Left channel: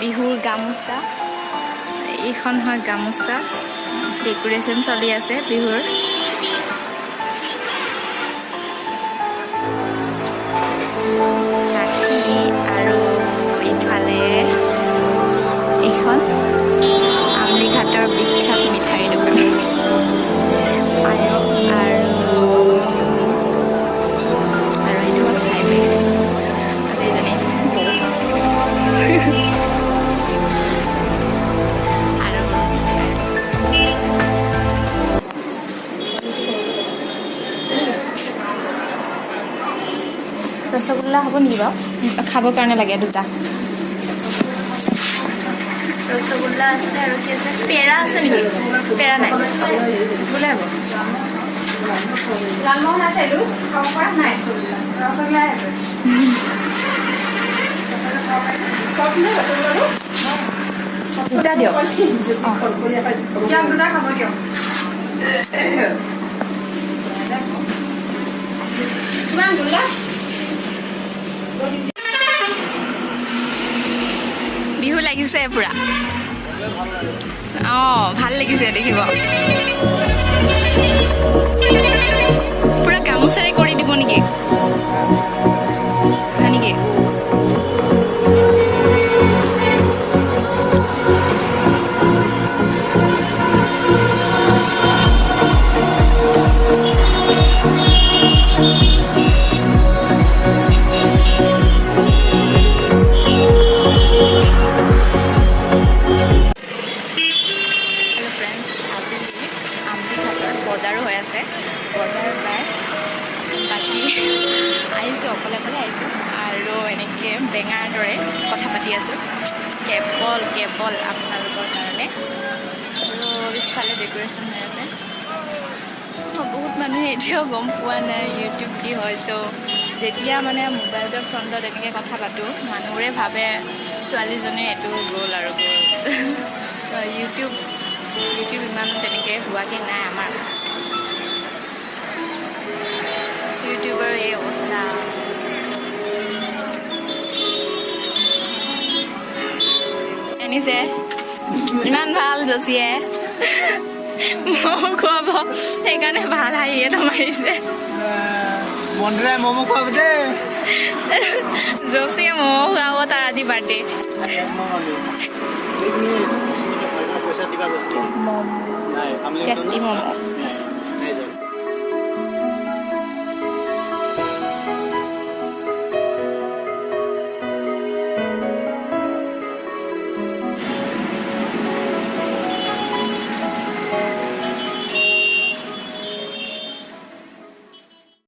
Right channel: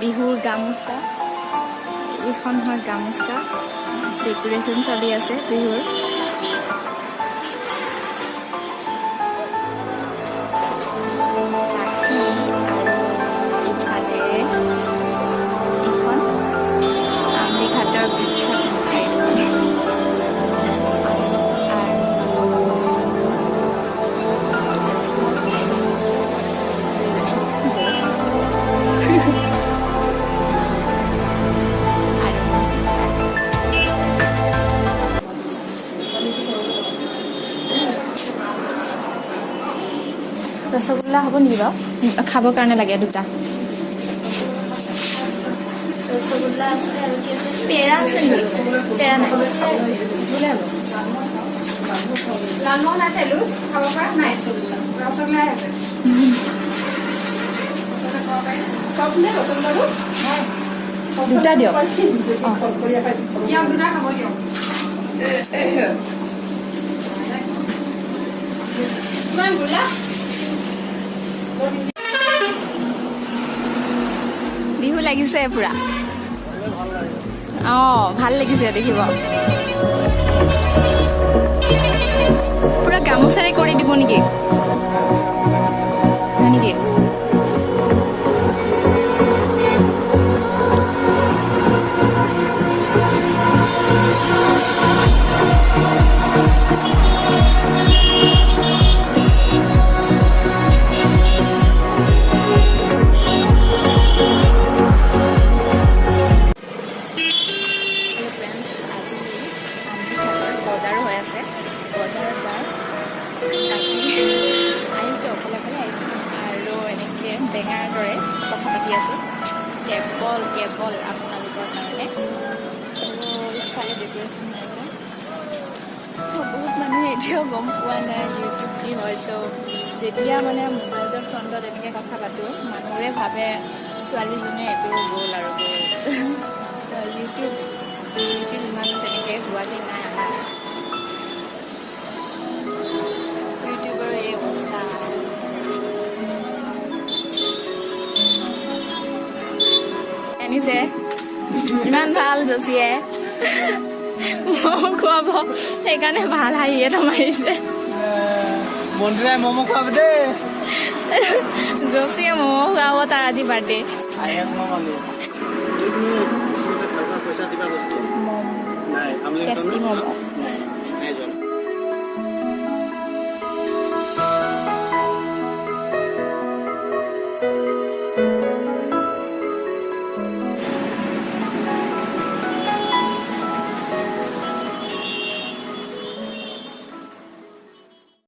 বিহুৰ গামোচা এইখন হয় গামোচা ডেকোৰেশ্যন চলি আছে বিহুৰ বাকী আৰু ইফালে এইখন আমলিঘাটৰ বিখ্যাত মিঠাই দোকান এইটো হ'ল হাইৱে এইজনী ৰসগোল্লা হ'ব নেকি বাৰু খাবৰ কাৰণে লাগে দুটা ৰসগোল্লা আছে আৰু কি আছে পেৰা আছে নেকি পেৰা নাই বোলে হ'ব লালমোহন আছে এইটো খাব পৰা নাই ৰসগোল্লা আছে দুটা দিয়ক দুটা খাব দিয়ক কিমান গোলা বিহু লাগিছে পুৰা ভাল লাগিছে দেখিব পুৰা গামোচাৰে কৰি দিব নেকি হয় নেকি বজাৰো হৈ আছে বজাৰ বাৰ বাকী আহিছোঁ অকলে অকলে আহিছোঁ আৰু এনেকৈ বেঙাৰ দৰে কথা পাতি আছোঁ কেৱল আপোনালোকৰ কাৰণে আৰু পিছফালে ডেক'ৰেশ্যন হৈ আছে বহুত মানুহে এতিয়াও গম পোৱা নাই ইউটিউব কি হয় ত' যেতিয়া মানে মোবাইলৰ ফ্ৰণ্টত এনেকৈ কথা পাতোঁ মানুহবোৰে ভাবে ছোৱালীজনী এইটো গ'ল আৰু গ'ল ইউটিউব ইমান তেনেকৈ হোৱাকৈ নাই আমাৰ ইউটিউবৰ এই অৱস্থা আনিছে ইমান ভাল জচিয়ে ম'ম খুৱাব সেইকাৰণে ভাল হাঁহিয়ে মাৰিছে ম'ম খুৱাব দেই জচিয়ে ম'ম খুৱাব তাৰ আজি বাৰ্থডে টেষ্টি ম'ম